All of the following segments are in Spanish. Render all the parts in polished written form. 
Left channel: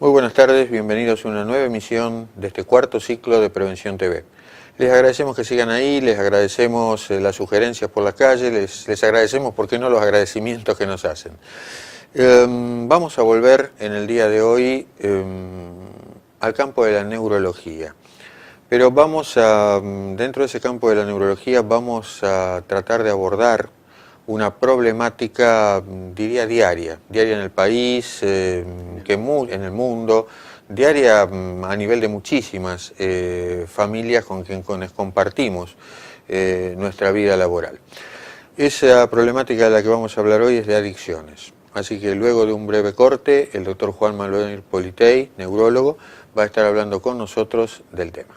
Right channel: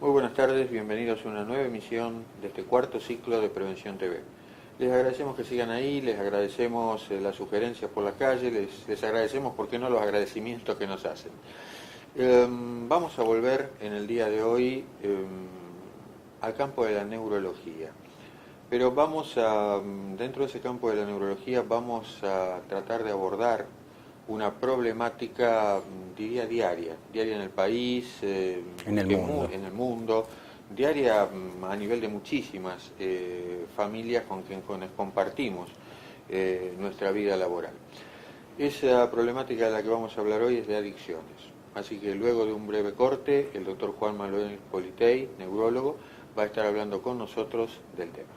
Muy buenas tardes, bienvenidos a una nueva emisión de este cuarto ciclo de Prevención TV. Les agradecemos que sigan ahí, les agradecemos las sugerencias por la calle, les agradecemos, ¿por qué no?, los agradecimientos que nos hacen. Vamos a volver en el día de hoy al campo de la neurología. Pero dentro de ese campo de la neurología, vamos a tratar de abordar una problemática, diría, diaria en el país, en el mundo, diaria a nivel de muchísimas familias con quienes compartimos nuestra vida laboral. Esa problemática de la que vamos a hablar hoy es de adicciones. Así que luego de un breve corte, el doctor Juan Manuel Politei, neurólogo, va a estar hablando con nosotros del tema.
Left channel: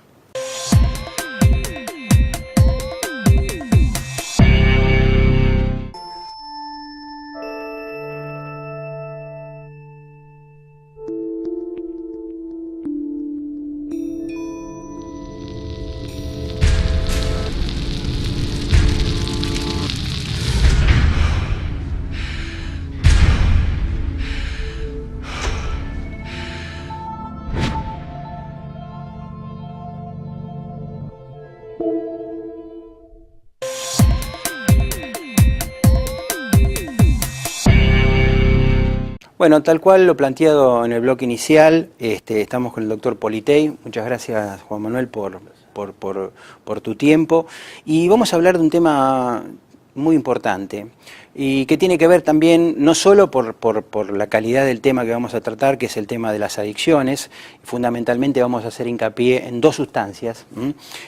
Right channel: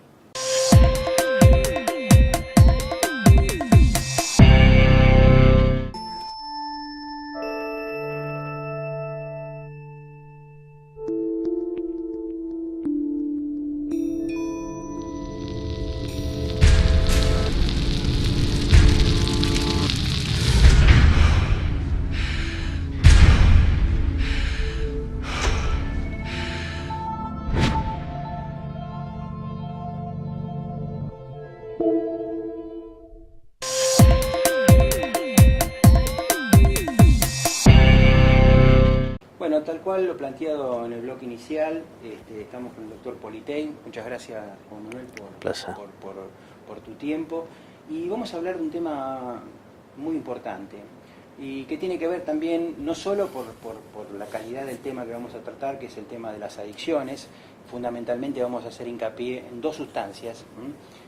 Bueno, tal cual lo planteado en el bloque inicial, estamos con el doctor Politei. Muchas gracias, Juan Manuel, por tu tiempo. Y vamos a hablar de un tema muy importante y que tiene que ver también no solo por la calidad del tema que vamos a tratar, que es el tema de las adicciones. Fundamentalmente vamos a hacer hincapié en dos sustancias,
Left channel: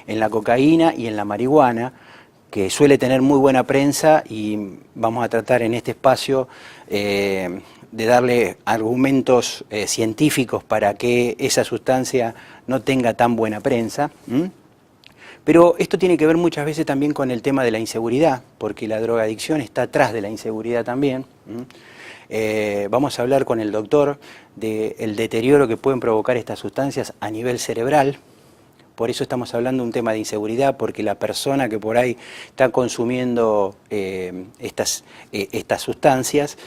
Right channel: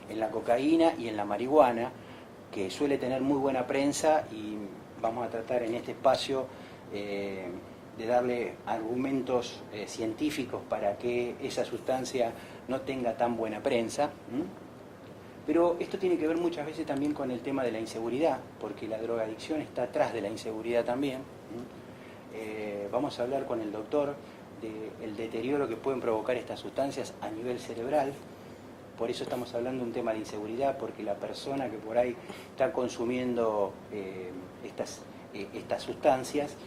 en la cocaína y en la marihuana, que suele tener muy buena prensa, y vamos a tratar en este espacio de darle argumentos científicos para que esa sustancia no tenga tan buena prensa. Pero esto tiene que ver muchas veces también con el tema de la inseguridad, porque la drogadicción está atrás de la inseguridad también. Vamos a hablar con el doctor del deterioro que pueden provocar estas sustancias a nivel cerebral. Por eso estamos hablando de un tema de inseguridad, porque la persona que por ahí está consumiendo estas sustancias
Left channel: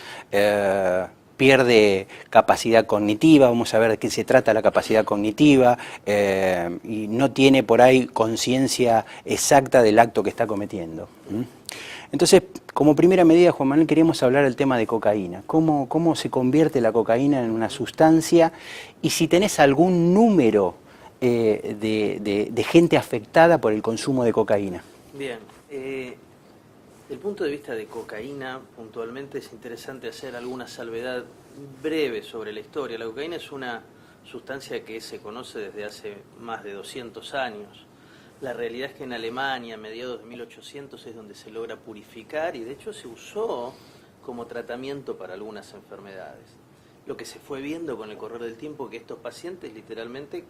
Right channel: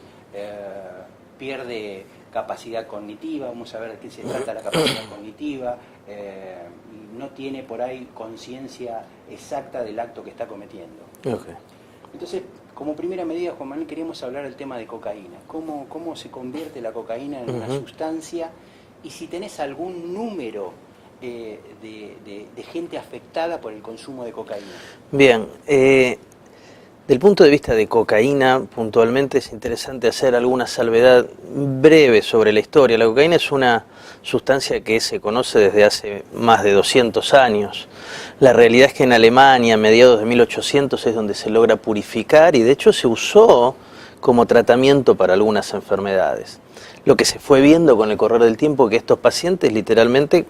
pierde capacidad cognitiva. Vamos a ver de qué se trata la capacidad cognitiva, y no tiene por ahí conciencia exacta del acto que está cometiendo. Entonces, como primera medida, Juan Manuel, queríamos hablar del tema de cocaína. ¿Cómo se convierte la cocaína en una sustancia? Y si tenés algún número de gente afectada por el consumo de cocaína. Bien, del punto de vista de cocaína, puntualmente es interesante hacer alguna salvedad breve sobre la historia. La cocaína es una sustancia que se conoce desde hace más de 200 años. La realidad es que en Alemania, a mediados de 1800, es donde se logra purificar, y de hecho se usó como tratamiento para algunas enfermedades. Lo que se fue viendo con el correr del tiempo, que estos pacientes literalmente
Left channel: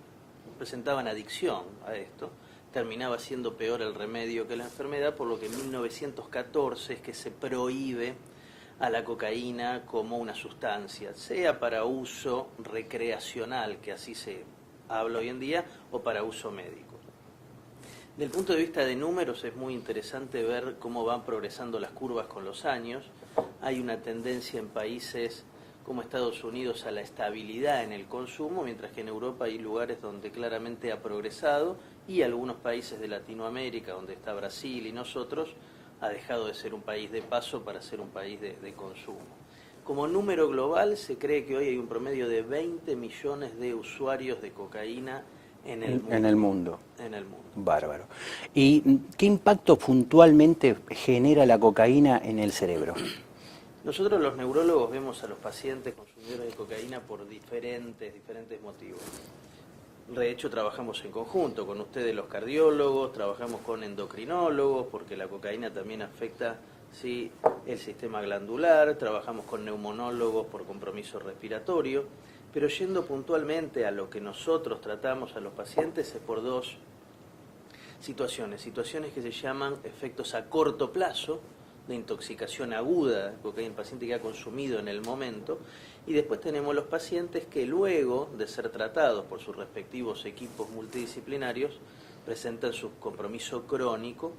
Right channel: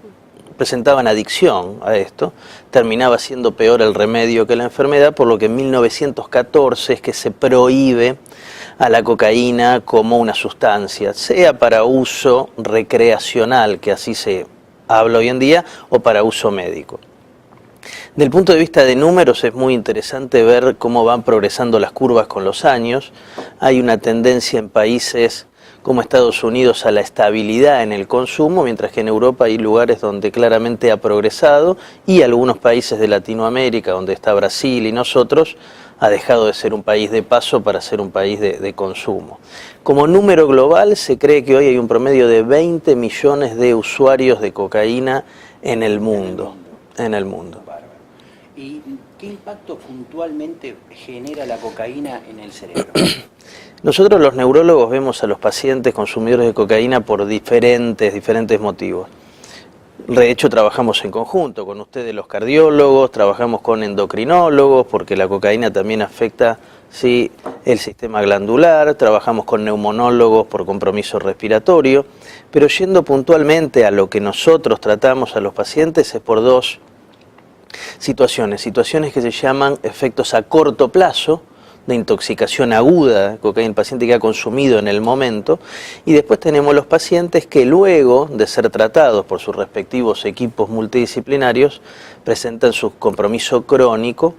presentaban adicción a esto, terminaba siendo peor el remedio que la enfermedad, por lo que en 1914 es que se prohíbe a la cocaína como una sustancia, sea para uso recreacional, que así se habla hoy en día, o para uso médico. Del punto de vista de números es muy interesante ver cómo van progresando las curvas con los años. Hay una tendencia en países como Estados Unidos a la estabilidad en el consumo, mientras que en Europa hay lugares donde claramente ha progresado, y algunos países de Latinoamérica, donde está Brasil y nosotros, ha dejado de ser un país de paso para ser un país de consumo. Como número global, se cree que hoy hay un promedio de 20 millones de usuarios de cocaína en el mundo. En el mundo. Bárbaro. ¿Y qué impacto puntualmente genera la cocaína en el cerebro? Nosotros los neurólogos vemos a los pacientes consumidores de cocaína por diferentes motivos. De hecho, trabajamos en conjunto con ustedes, los cardiólogos, trabajamos con endocrinólogos, porque la cocaína también afecta, sí, el sistema glandular, trabajamos con neumonólogos por compromiso respiratorio, pero yendo puntualmente a lo que nosotros tratamos a los pacientes es por dos situaciones que se llaman efectos a corto plazo, de intoxicación aguda de cocaína, el paciente que ha consumido en el momento, y después tenemos los pacientes que luego de ser tratados por sus respectivos equipos multidisciplinarios presentan su compromiso crónico.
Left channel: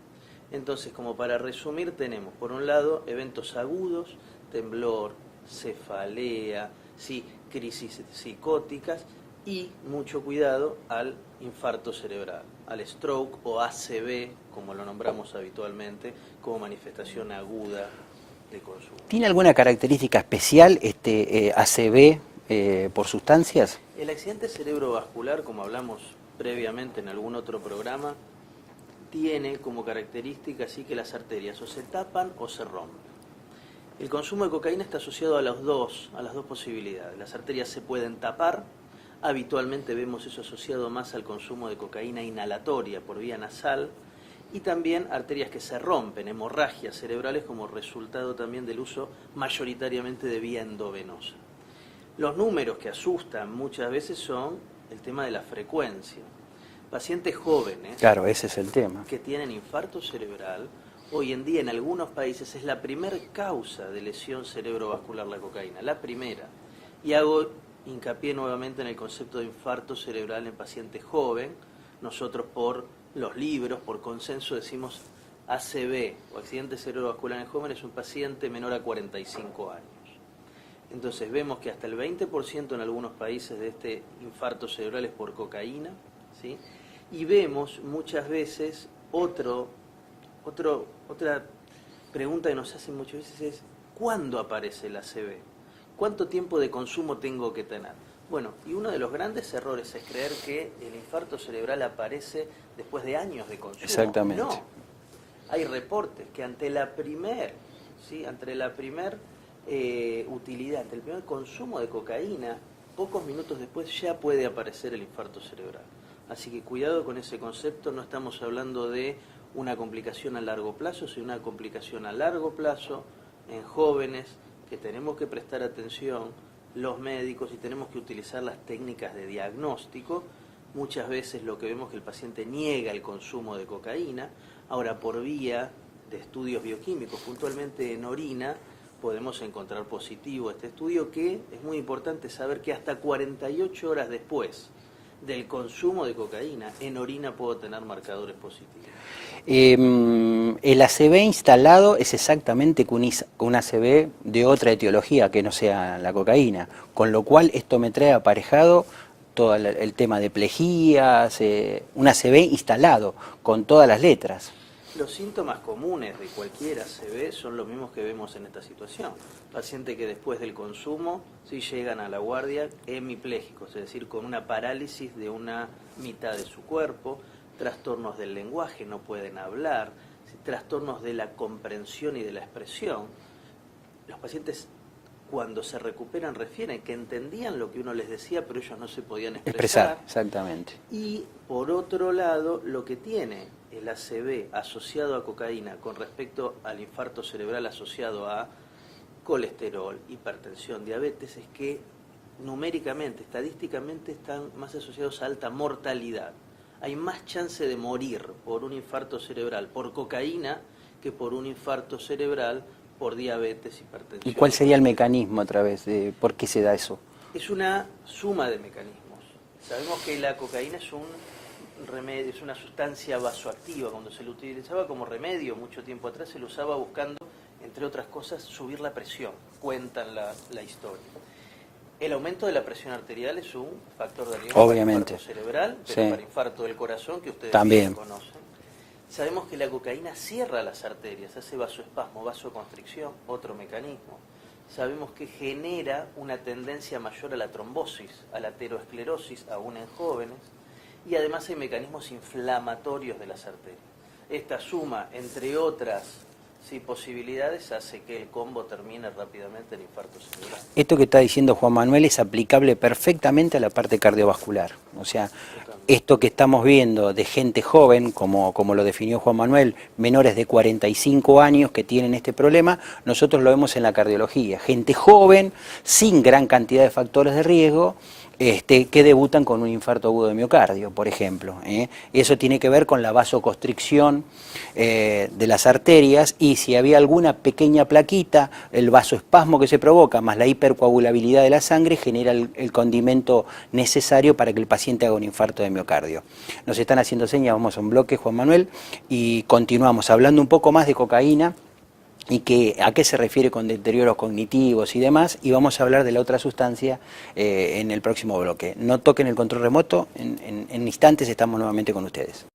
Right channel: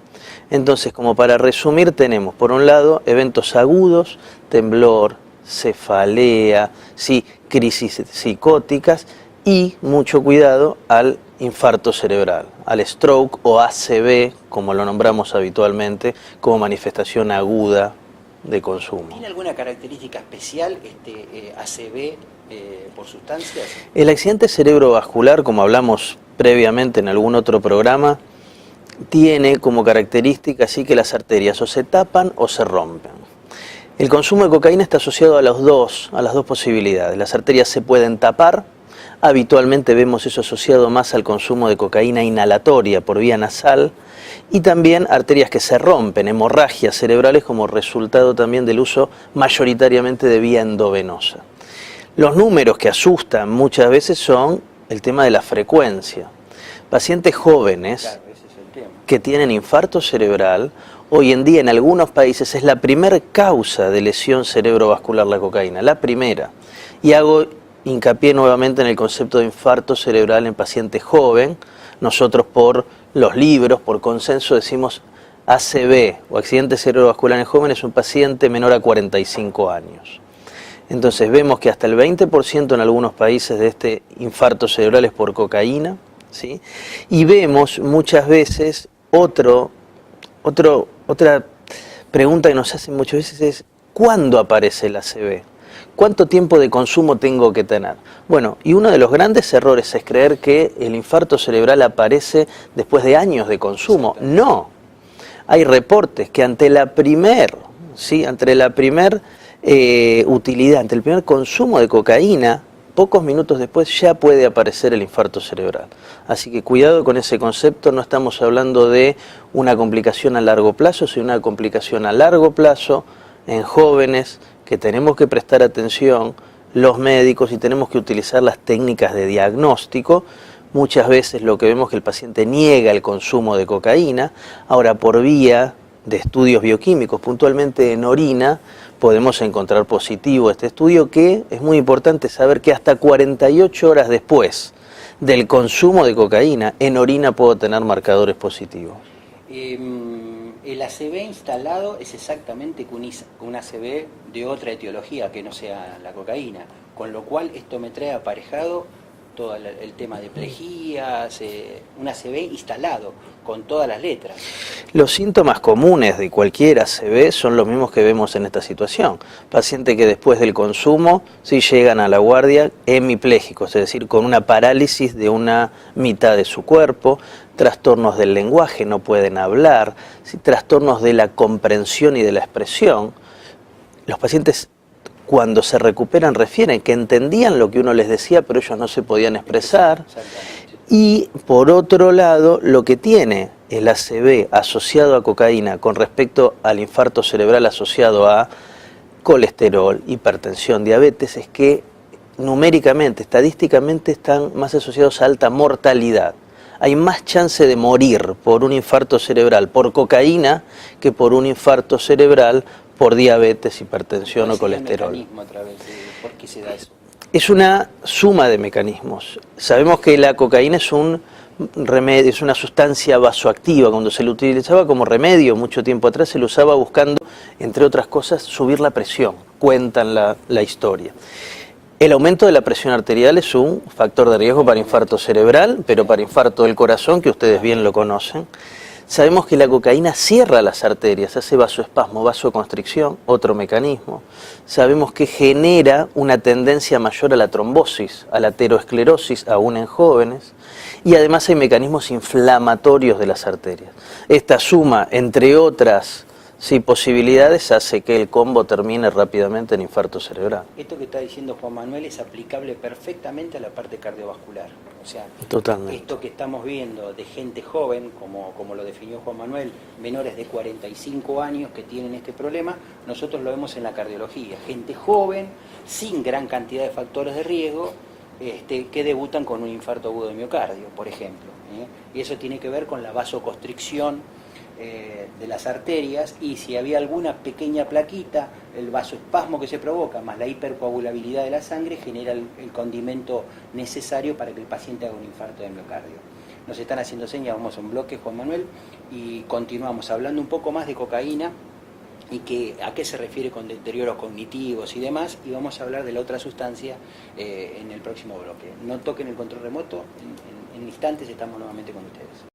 Entonces, como para resumir, tenemos por un lado eventos agudos, temblor, cefalea, ¿sí? Crisis psicóticas y mucho cuidado al infarto cerebral, al stroke o ACV, como lo nombramos habitualmente, como manifestación aguda de consumo. ¿Tiene alguna característica especial este ACV por sustancias? El accidente cerebrovascular, como hablamos previamente en algún otro programa, tiene como característica así que las arterias o se tapan o se rompen. El consumo de cocaína está asociado a las dos posibilidades. Las arterias se pueden tapar, habitualmente vemos eso asociado más al consumo de cocaína inhalatoria por vía nasal, y también arterias que se rompen, hemorragias cerebrales como resultado también del uso mayoritariamente de vía endovenosa. Los números que asustan muchas veces son el tema de la frecuencia. Pacientes jóvenes, claro, ese es el tema, que tienen infarto cerebral, hoy en día en algunos países es la primera causa de lesión cerebrovascular la cocaína, la primera. Y hago hincapié nuevamente en el concepto de infarto cerebral en paciente joven. Nosotros por los libros, por consenso decimos ACV o accidente cerebrovascular en jóvenes, un paciente menor a 45 años. Entonces vemos que hasta el 20% en algunos países de este infarto cerebral es por cocaína, ¿sí? Y vemos muchas veces otra pregunta que nos hacen muchas veces es ¿cuándo aparece el ACV? ¿Cuánto tiempo de consumo tengo que tener? Bueno, y uno de los grandes errores es creer que el infarto cerebral aparece después de años de consumo. No. Hay reportes que ante la primer utilidad, ante el primer consumo de cocaína, pocos minutos después ya puede aparecer el infarto cerebral. Así que cuidado con ese concepto, no estamos hablando de una complicación a largo plazo, sino una complicación a largo plazo en jóvenes que tenemos que prestar atención, los médicos, y tenemos que utilizar las técnicas de diagnóstico. Muchas veces lo que vemos es que el paciente niega el consumo de cocaína. Ahora, por vía de estudios bioquímicos, puntualmente en orina, podemos encontrar positivo este estudio, que es muy importante saber que hasta 48 horas después del consumo de cocaína, en orina puedo tener marcadores positivos. El ACV instalado es exactamente un ACV de otra etiología que no sea la cocaína, con lo cual esto me trae aparejado todo el tema de plejías, un ACV instalado con todas las letras. Los síntomas comunes de cualquier ACV son los mismos que vemos en esta situación. Pacientes que después del consumo sí llegan a la guardia hemiplégicos, es decir, con una parálisis de una mitad de su cuerpo, trastornos del lenguaje, no pueden hablar, trastornos de la comprensión y de la expresión. Los pacientes, cuando se recuperan, refieren que entendían lo que uno les decía, pero ellos no se podían expresar. Exactamente. Y por otro lado, lo que tiene el ACV asociado a cocaína con respecto al infarto cerebral asociado a colesterol, hipertensión, diabetes, es que numéricamente, estadísticamente están más asociados a alta mortalidad. Hay más chance de morir por un infarto cerebral por cocaína que por un infarto cerebral por diabetes, hipertensión o colesterol. ¿Cuál sería el mecanismo a través de por qué se da eso? Es una suma de mecanismos. Sabemos que la cocaína es un remedio, es una sustancia vasoactiva. Cuando se lo utilizaba como remedio mucho tiempo atrás, se lo usaba buscando, entre otras cosas, subir la presión. Cuentan la historia. El aumento de la presión arterial es un factor de riesgo para infarto cerebral, pero para infarto del corazón, que ustedes bien lo conocen. Sabemos que la cocaína cierra las arterias, hace vasoespasmo, vasoconstricción, otro mecanismo. Sabemos que genera una tendencia mayor a la trombosis, a la aterosclerosis, aún en jóvenes. Y además hay mecanismos inflamatorios de las arterias. Esta suma, entre otras posibilidades, hace que el combo termine rápidamente en infarto cerebral. Esto que está diciendo Juan Manuel es aplicable perfectamente a la parte cardiovascular. O sea, totalmente. Esto que estamos viendo de gente joven, como lo definió Juan Manuel, menores de 45 años que tienen este problema, nosotros lo vemos en la cardiología. Gente joven, sin gran cantidad de factores de riesgo, que debutan con un infarto agudo de miocardio, por ejemplo. Eso tiene que ver con la vasoconstricción de las arterias, y si había alguna pequeña plaquita, el vasoespasmo que se provoca, más la hipercoagulabilidad de la sangre, genera el condimento necesario para que el paciente haga un infarto de miocardio. Nos están haciendo señas, vamos a un bloque, Juan Manuel, y continuamos hablando un poco más de cocaína y a qué se refiere con deterioros cognitivos y demás, y vamos a hablar de la otra sustancia en el próximo bloque. No toquen el control remoto, en instantes estamos nuevamente con ustedes.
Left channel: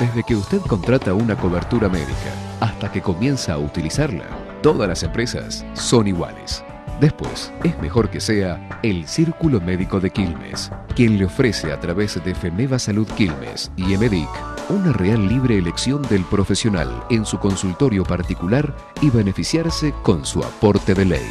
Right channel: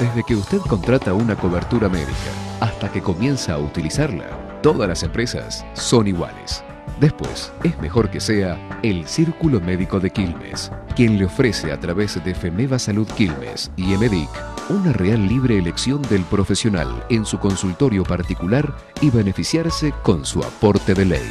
Desde que usted contrata una cobertura médica hasta que comienza a utilizarla, todas las empresas son iguales. Después, es mejor que sea el Círculo Médico de Quilmes, quien le ofrece a través de Femeva Salud Quilmes y Emedic una real libre elección del profesional en su consultorio particular y beneficiarse con su aporte de ley.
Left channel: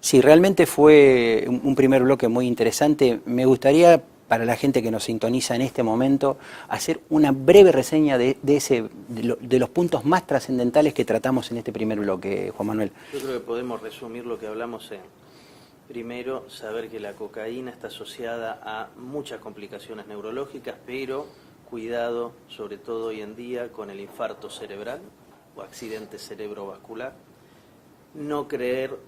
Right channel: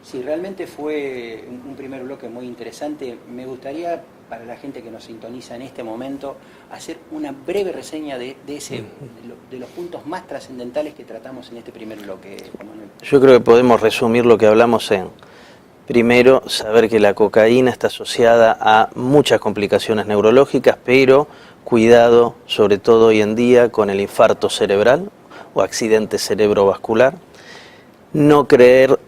Sí, realmente fue un primer bloque muy interesante. Me gustaría, para la gente que nos sintoniza en este momento, hacer una breve reseña de los puntos más trascendentales que tratamos en este primer bloque, Juan Manuel. Yo creo que podemos resumir lo que hablamos en, primero, saber que la cocaína está asociada a muchas complicaciones neurológicas, pero cuidado, sobre todo hoy en día, con el infarto cerebral o accidente cerebrovascular. No creer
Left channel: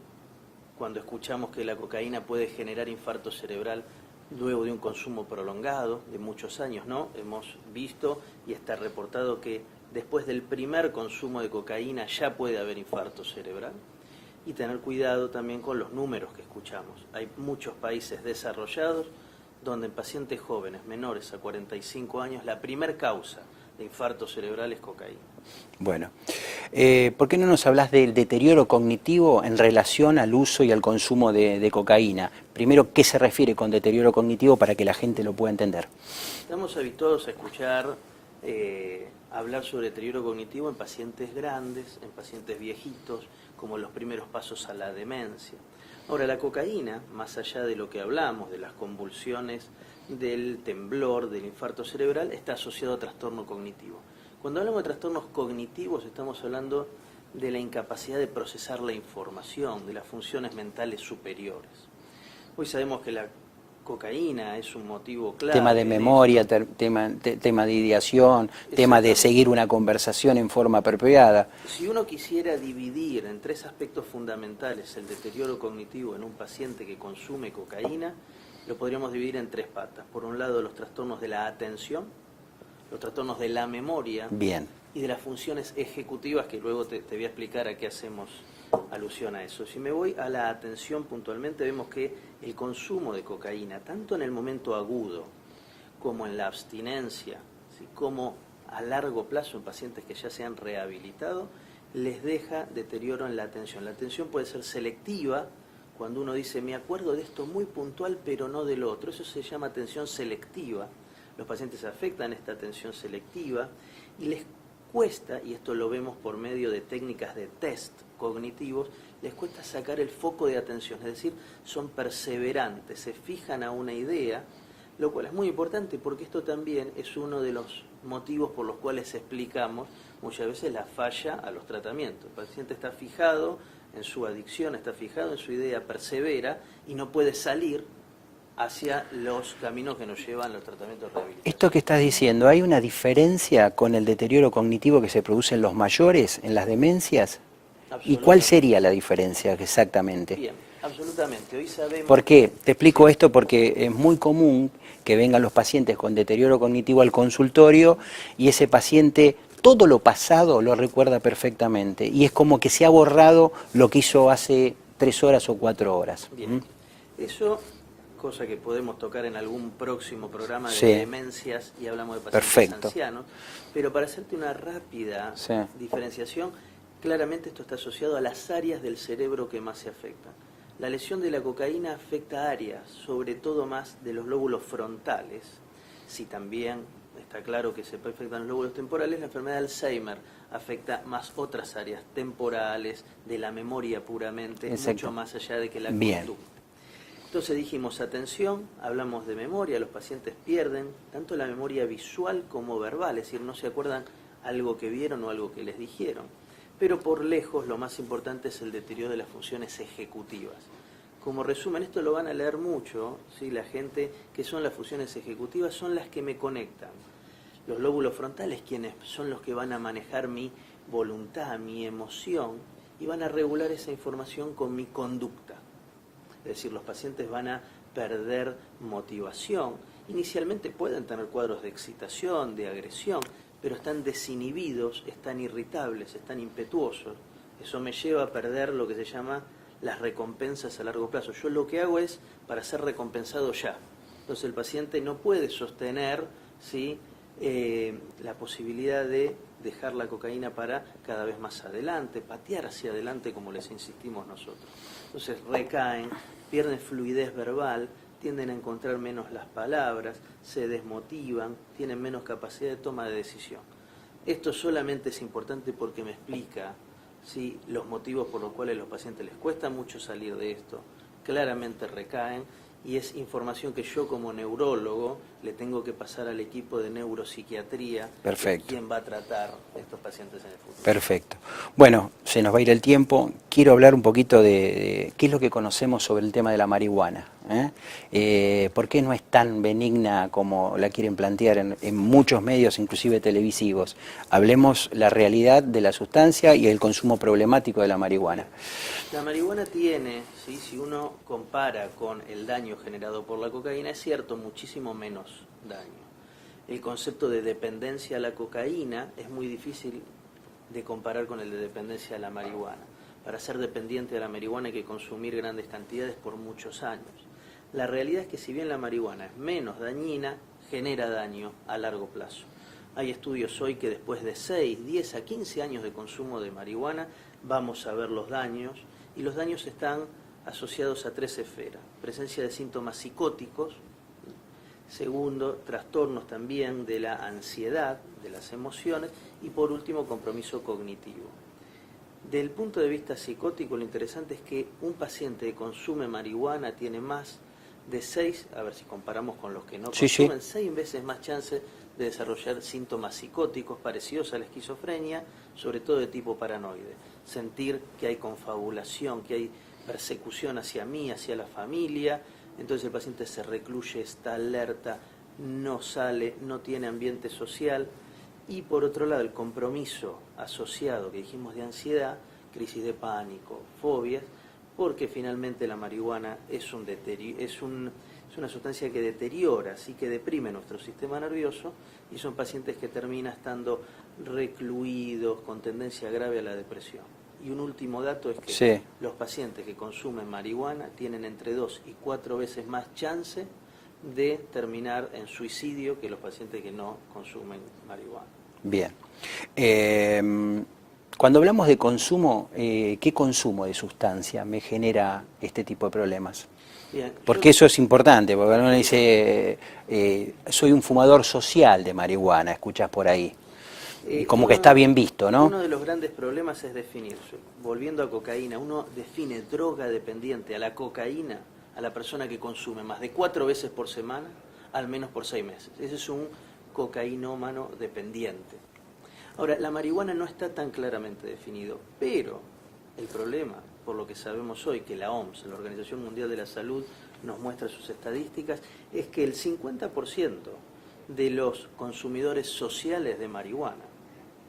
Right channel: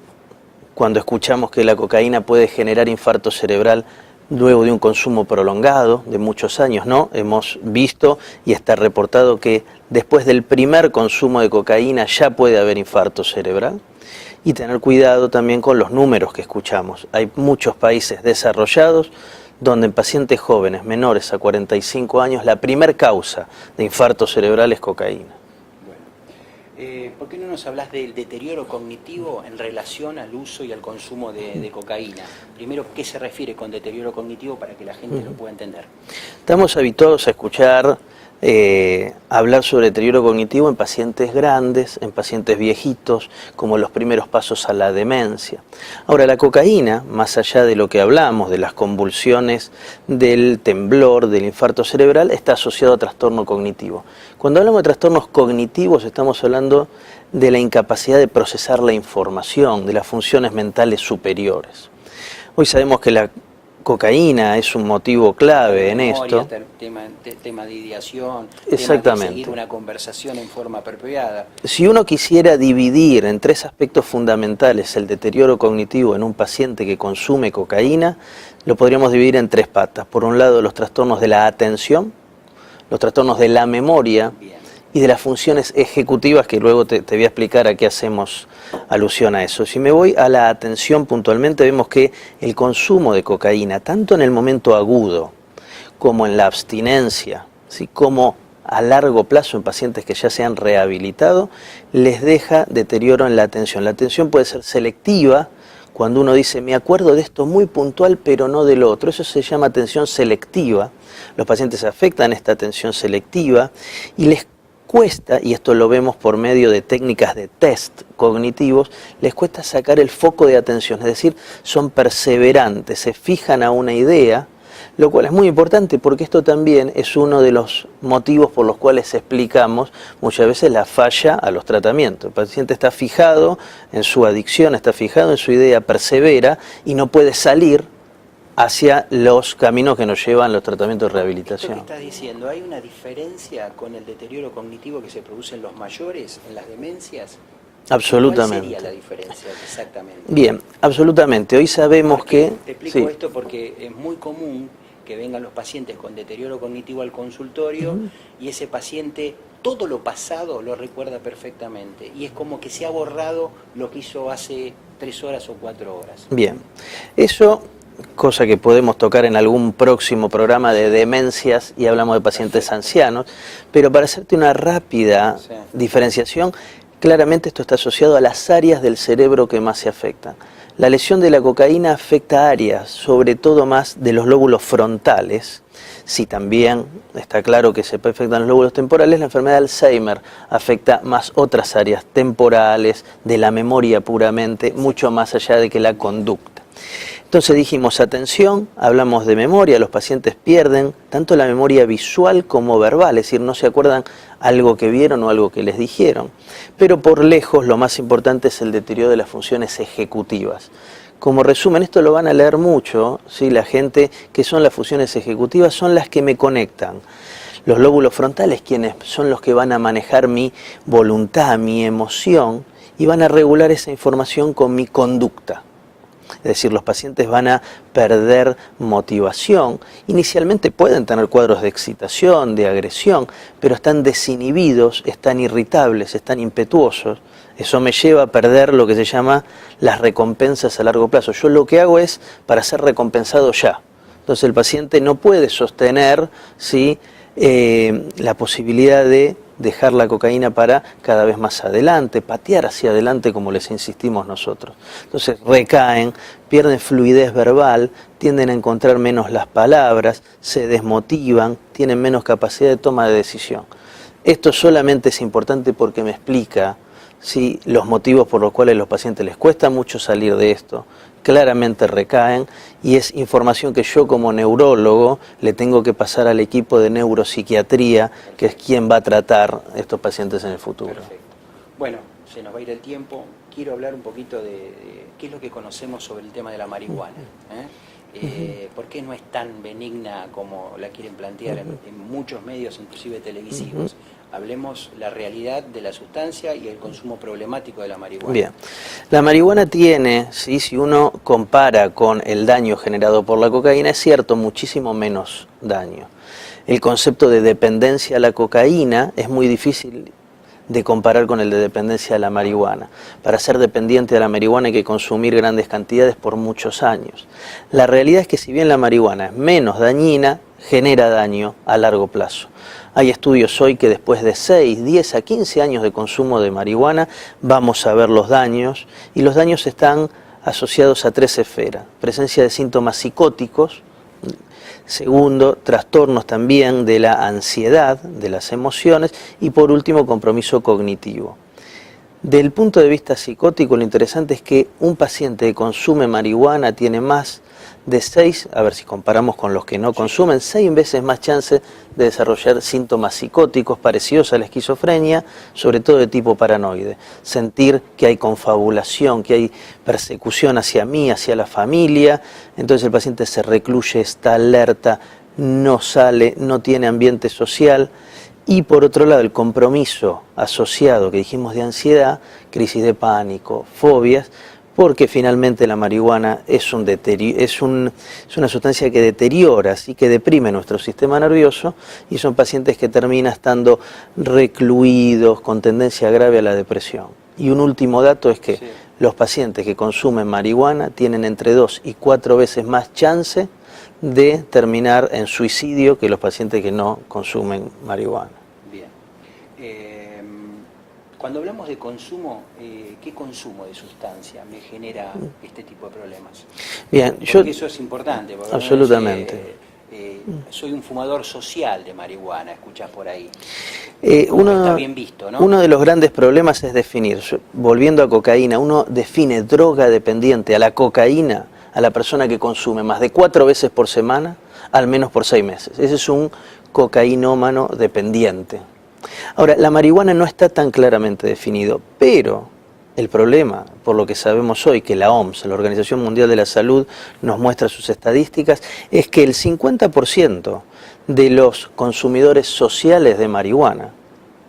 cuando escuchamos que la cocaína puede generar infarto cerebral luego de un consumo prolongado de muchos años, ¿no? Hemos visto y está reportado que después del primer consumo de cocaína ya puede haber infarto cerebral. Y tener cuidado también con los números que escuchamos. Hay muchos países desarrollados donde en pacientes jóvenes menores a 45 años la primer causa de infarto cerebral es cocaína. Bueno. ¿Por qué no nos hablas del deterioro cognitivo en relación al uso y al consumo de cocaína? Primero, ¿qué se refiere con deterioro cognitivo para que la gente lo pueda entender? Estamos habituados a escuchar hablar sobre deterioro cognitivo en pacientes grandes, en pacientes viejitos, como los primeros pasos a la demencia. Ahora, la cocaína, más allá de lo que hablamos, de las convulsiones, del temblor, del infarto cerebral, está asociado a trastorno cognitivo. Cuando hablamos de trastornos cognitivos, estamos hablando de la incapacidad de procesar la información, de las funciones mentales superiores. Hoy sabemos que la cocaína es un motivo clave en memoria, esto. Tema de ideación, tema de seguir una conversación en forma apropiada. Si uno quisiera dividir en tres aspectos fundamentales el deterioro cognitivo en un paciente que consume cocaína, lo podríamos dividir en tres patas. Por un lado, los trastornos de la atención, los trastornos de la memoria. Bien. Y de las funciones ejecutivas, que luego te voy a explicar a qué hacemos alusión a eso. Si me voy a la atención puntualmente, vemos que el consumo de cocaína, tanto en el momento agudo como en la abstinencia, ¿sí?, como a largo plazo en pacientes que ya se han rehabilitado, les deja deterioro en la atención. La atención puede ser selectiva, cuando uno dice, me acuerdo de esto muy puntual, pero no del otro. Eso se llama atención selectiva. Los pacientes afectan esta atención selectiva y les cuesta, y esto lo vemos por medio de técnicas de test cognitivos, les cuesta sacar el foco de atención, es decir, son perseverantes, se fijan a una idea, lo cual es muy importante porque esto también es uno de los motivos por los cuales explicamos muchas veces la falla a los tratamientos. El paciente está fijado en su adicción, está fijado en su idea, persevera y no puede salir hacia los caminos que nos llevan los tratamientos de rehabilitación. Esto que estás diciendo, ¿hay una diferencia con el deterioro cognitivo que se produce en los mayores, en las demencias? Absolutamente. ¿Cuál sería la diferencia exactamente? Bien, absolutamente. Hoy sabemos que... Te explico sí. esto porque es muy común que vengan los pacientes con deterioro cognitivo al consultorio y ese paciente todo lo pasado lo recuerda perfectamente y es como que se ha borrado lo que hizo hace 3 horas o 4 horas. Bien, eso... cosa que podemos tocar en algún próximo programa de demencias y hablamos de pacientes ancianos, pero para hacerte una rápida diferenciación, claramente esto está asociado a las áreas del cerebro que más se afectan. La lesión de la cocaína afecta áreas, sobre todo más de los lóbulos frontales. Si también está claro que se afectan los lóbulos temporales, la enfermedad de Alzheimer afecta más otras áreas temporales, de la memoria puramente, mucho más allá de que la conducta. Entonces dijimos, atención, hablamos de memoria, los pacientes pierden tanto la memoria visual como verbal, es decir, no se acuerdan algo que vieron o algo que les dijeron. Pero por lejos lo más importante es el deterioro de las funciones ejecutivas. Como resumen, esto lo van a leer mucho, ¿sí? La gente, que son las funciones ejecutivas, son las que me conectan. Los lóbulos frontales, quienes son los que van a manejar mi voluntad, mi emoción, y van a regular esa información con mi conducta. Es decir, los pacientes van a perder motivación. Inicialmente pueden tener cuadros de excitación, de agresión, pero están desinhibidos, están irritables, están impetuosos. Eso me lleva a perder lo que se llama las recompensas a largo plazo. Yo lo que hago es para ser recompensado ya. Entonces el paciente no puede sostener, ¿sí?, la posibilidad de dejar la cocaína para cada vez más adelante, patear hacia adelante como les insistimos nosotros. Entonces recaen, pierden fluidez verbal, tienden a encontrar menos las palabras, se desmotivan, tienen menos capacidad de toma de decisión. Esto solamente es importante porque me explica, ¿sí?, los motivos por los cuales a los pacientes les cuesta mucho salir de esto. Claramente recaen y es información que yo como neurólogo le tengo que pasar al equipo de neuropsiquiatría, que es quien va a tratar estos pacientes en el futuro. Perfecto. Bueno, se nos va a ir el tiempo. Quiero hablar un poquito de qué es lo que conocemos sobre el tema de la marihuana. ¿Por qué no es tan benigna como la quieren plantear en muchos medios, inclusive televisivos? Hablemos la realidad de la sustancia y el consumo problemático de la marihuana. Bien. La marihuana tiene, ¿sí?, si uno compara con el daño generado por la cocaína, es cierto, muchísimo menos daño. El concepto de dependencia a la cocaína es muy difícil de comparar con el de dependencia a la marihuana. Para ser dependiente de la marihuana hay que consumir grandes cantidades por muchos años. La realidad es que si bien la marihuana es menos dañina, genera daño a largo plazo. Hay estudios hoy que después de 6, 10 a 15 años de consumo de marihuana vamos a ver los daños, y los daños están asociados a 3 esferas: presencia de síntomas psicóticos, segundo, trastornos también de la ansiedad, de las emociones, y por último, compromiso cognitivo. Del punto de vista psicótico, lo interesante es que un paciente que consume marihuana tiene más de 6, a ver si comparamos con los que no consumen, 6 veces más chance de desarrollar síntomas psicóticos parecidos a la esquizofrenia, sobre todo de tipo paranoide. Sentir que hay confabulación, que hay persecución hacia mí, hacia la familia, entonces el paciente se recluye, está alerta, no sale, no tiene ambiente social. Y por otro lado, el compromiso asociado que dijimos de ansiedad, crisis de pánico, fobias, porque finalmente la marihuana es una sustancia que deteriora, así que deprime nuestro sistema nervioso, y son pacientes que terminan estando recluidos, con tendencia grave a la depresión. Y un último dato es que los pacientes que consumen marihuana tienen entre 2 y 4 veces más chance de terminar en suicidio que los pacientes que no consumen marihuana. Bien. Cuando hablamos de consumo, ¿qué consumo de sustancia me genera este tipo de problemas? Bien, porque eso es importante, porque absolutamente. Soy un fumador social de marihuana, escuchás por ahí. Como que está bien visto, ¿no? Uno de los grandes problemas es definir, volviendo a cocaína, uno define droga dependiente a la cocaína, a la persona que consume más de 4 veces por semana, al menos por 6 meses. Ese es un cocainómano dependiente. Ahora, la marihuana no está tan claramente definido, pero el problema, por lo que sabemos hoy, que la OMS, la Organización Mundial de la Salud, nos muestra sus estadísticas, es que el 50% de los consumidores sociales de marihuana,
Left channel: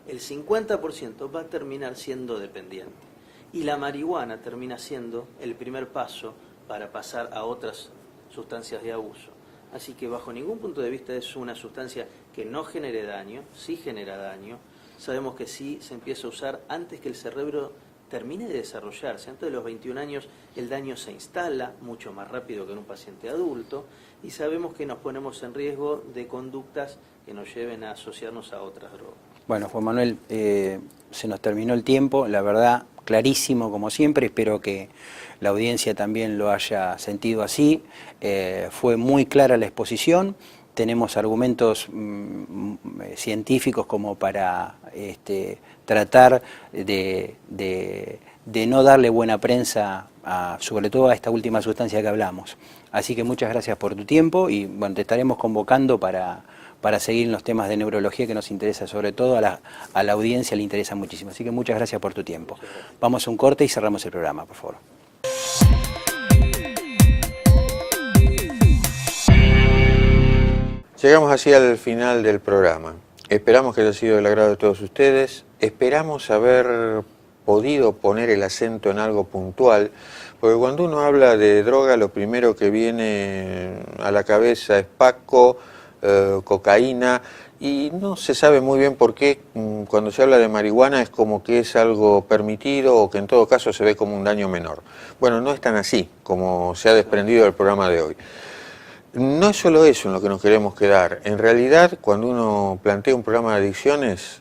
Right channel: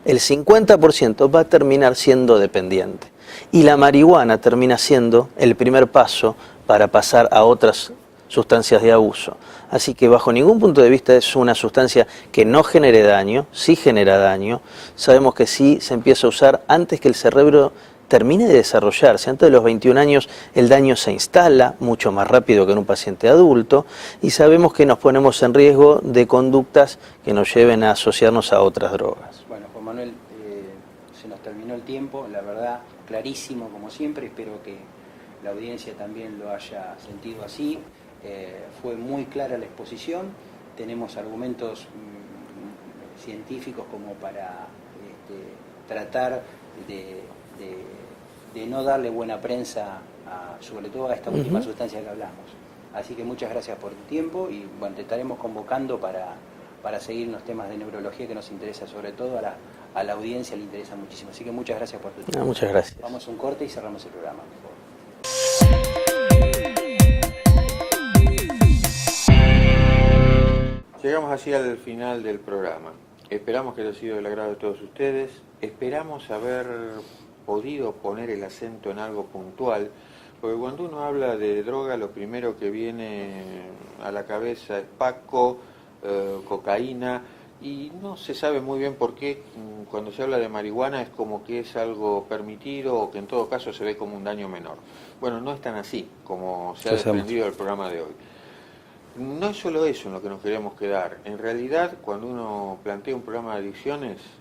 el 50% va a terminar siendo dependiente. Y la marihuana termina siendo el primer paso para pasar a otras sustancias de abuso. Así que bajo ningún punto de vista es una sustancia que no genere daño, sí genera daño. Sabemos que sí se empieza a usar antes que el cerebro termine de desarrollarse. Antes de los 21 años el daño se instala mucho más rápido que en un paciente adulto, y sabemos que nos ponemos en riesgo de conductas que nos lleven a asociarnos a otras drogas. Bueno, Juan Manuel, se nos terminó el tiempo, la verdad, clarísimo como siempre. Espero que la audiencia también lo haya sentido así. Fue muy clara la exposición, tenemos argumentos científicos como para tratar de no darle buena prensa, sobre todo a esta última sustancia que hablamos. Así que muchas gracias por tu tiempo y bueno, te estaremos convocando para seguir en los temas de neurología que nos interesa, sobre todo a la audiencia le interesa muchísimo. Así que muchas gracias por tu tiempo. Muchas gracias. Vamos a un corte y cerramos el programa, por favor. Llegamos así al final del programa. Esperamos que haya sido del agrado de todos ustedes. Esperamos haber podido poner el acento en algo puntual, porque cuando uno habla de droga, lo primero que viene a la cabeza es Paco, cocaína, y no se sabe muy bien por qué cuando se habla de marihuana es como que es algo permitido o que en todo caso se ve como un daño menor. Bueno, no es tan así como se ha desprendido del programa de hoy. No es solo eso en lo que nos queremos quedar. En realidad, cuando uno plantea un programa de adicciones,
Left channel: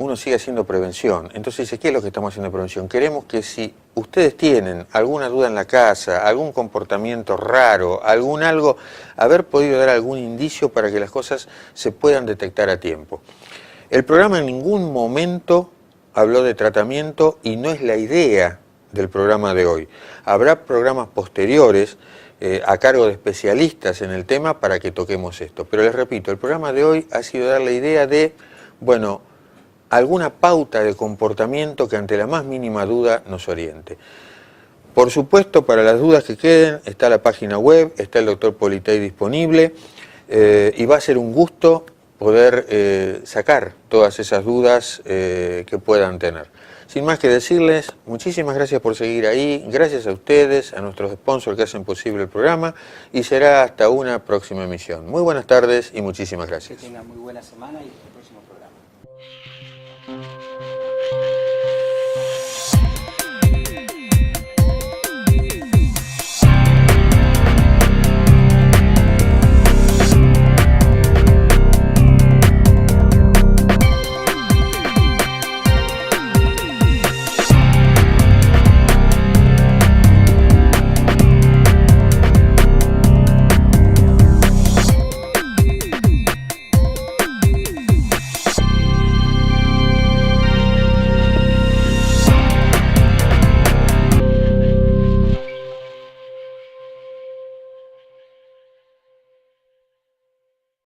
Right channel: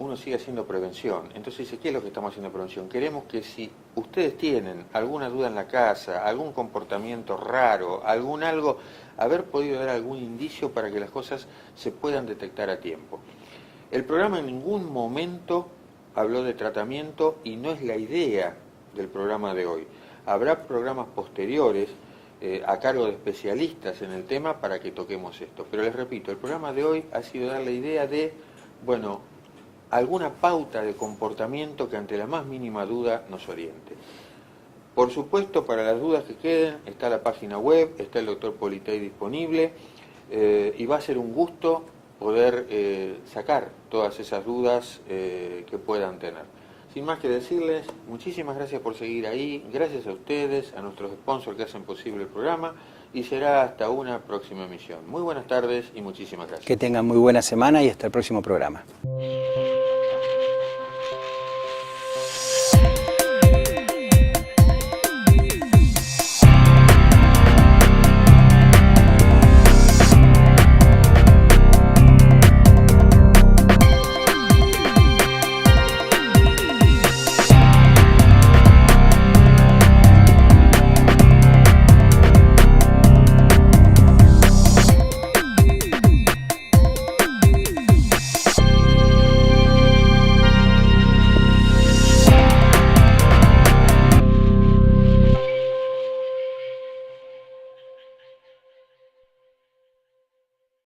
uno sigue haciendo prevención. Entonces dice, ¿qué es lo que estamos haciendo de prevención? Queremos que si ustedes tienen alguna duda en la casa, algún comportamiento raro, algo, haber podido dar algún indicio para que las cosas se puedan detectar a tiempo. El programa en ningún momento habló de tratamiento y no es la idea del programa de hoy. Habrá programas posteriores a cargo de especialistas en el tema para que toquemos esto. Pero les repito, el programa de hoy ha sido dar la idea de, bueno, alguna pauta de comportamiento que ante la más mínima duda nos oriente. Por supuesto, para las dudas que queden, está la página web, está el doctor Politei disponible y va a ser un gusto poder sacar todas esas dudas que puedan tener. Sin más que decirles, muchísimas gracias por seguir ahí, gracias a ustedes, a nuestros sponsors que hacen posible el programa y será hasta una próxima emisión. Muy buenas tardes y muchísimas gracias. Que tengan muy buena semana y hasta el próximo programa.